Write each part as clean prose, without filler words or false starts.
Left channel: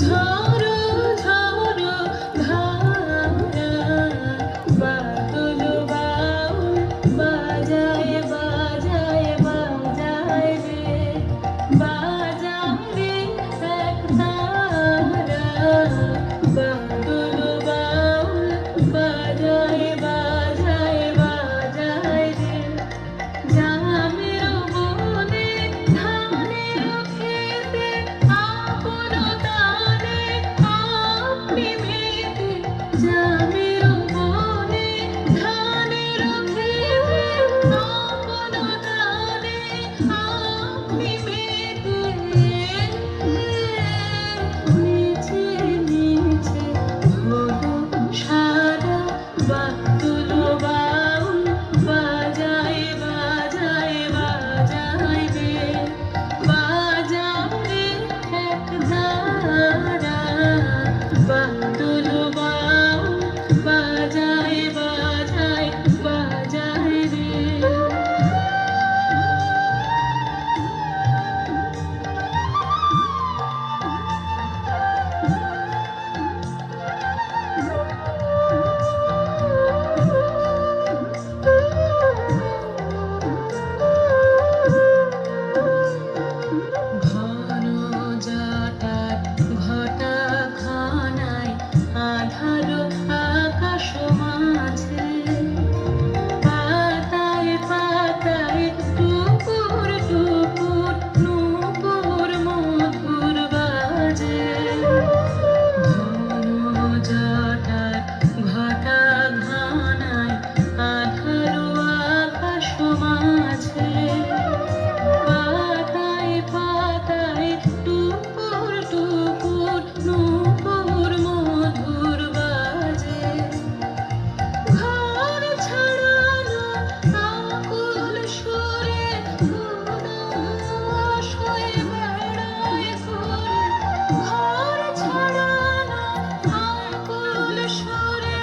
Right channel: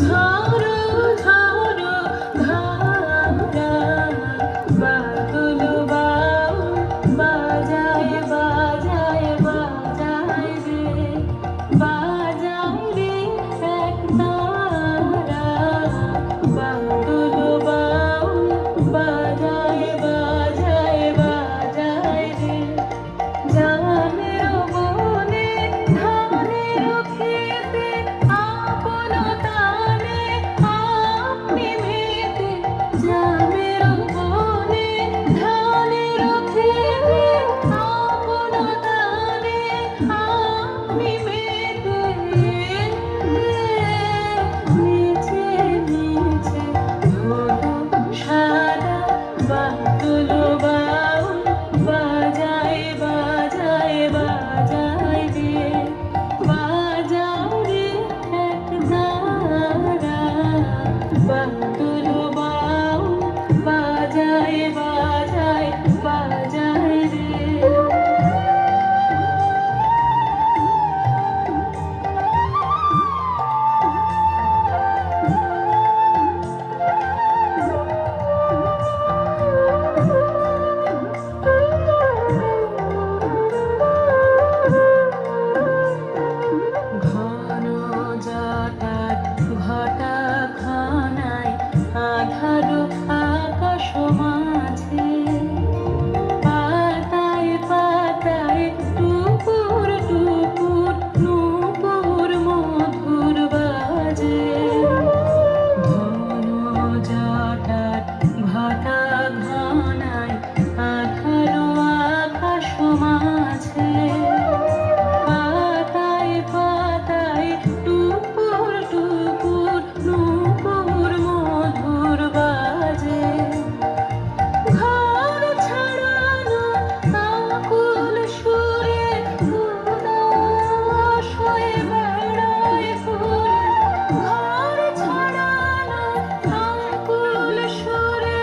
ঝাড়ু ঝাড়ু ধারা বাদল বাউল বাজায় বাজায় বাজায় রে বাজায় রে এক তারা বাদল বাউল বাজায় বাজায় বাজায় রে জামের বনে ধানের খেতে আপন গানে আপনি মেতে জামের বনে ধানের খেতে আপন গানে আপনি মেতে নিচে নিচে হলো সারা বাদল বাউল বাজায় বাজায় বাজায় রে বাজায় রে এক তারা বাদল বাউল বাজায় বাজায় বাজায় রে ঘন জটার ঘটা ঘনায় আধার আকাশ মাঝে পাতায় পাতায় টুকুর টুকুর নূপুর মধুর বাজে ঘন জটার ঘটা ঘনায় আধার আকাশ মাঝে পাতায় পাতায় টুকুর টুকুর নূপুর মধুর বাজে ঘর ছাড়ানো আকুল সুরে উদাস হয়ে বেড়ায় ফুল ঘর ছাড়ানো আকুল সুরে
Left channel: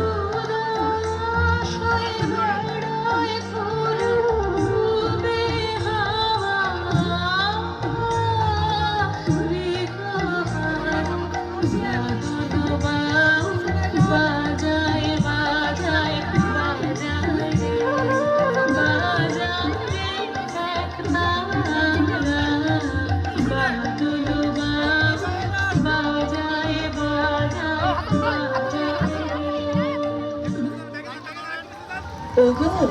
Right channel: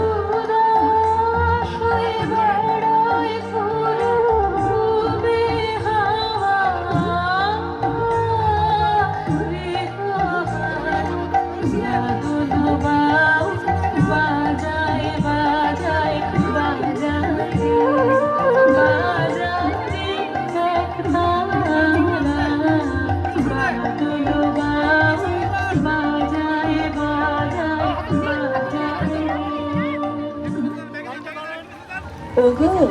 উদাস হয়ে বেড়ায় ফুল ডুবে হাওয়া বাদল বাউল বাজায় বাজায় বাজায় রে বাজায় রে এক তারা বাদল বাউল বাজায় বাজায় বাজায় রে। ওগো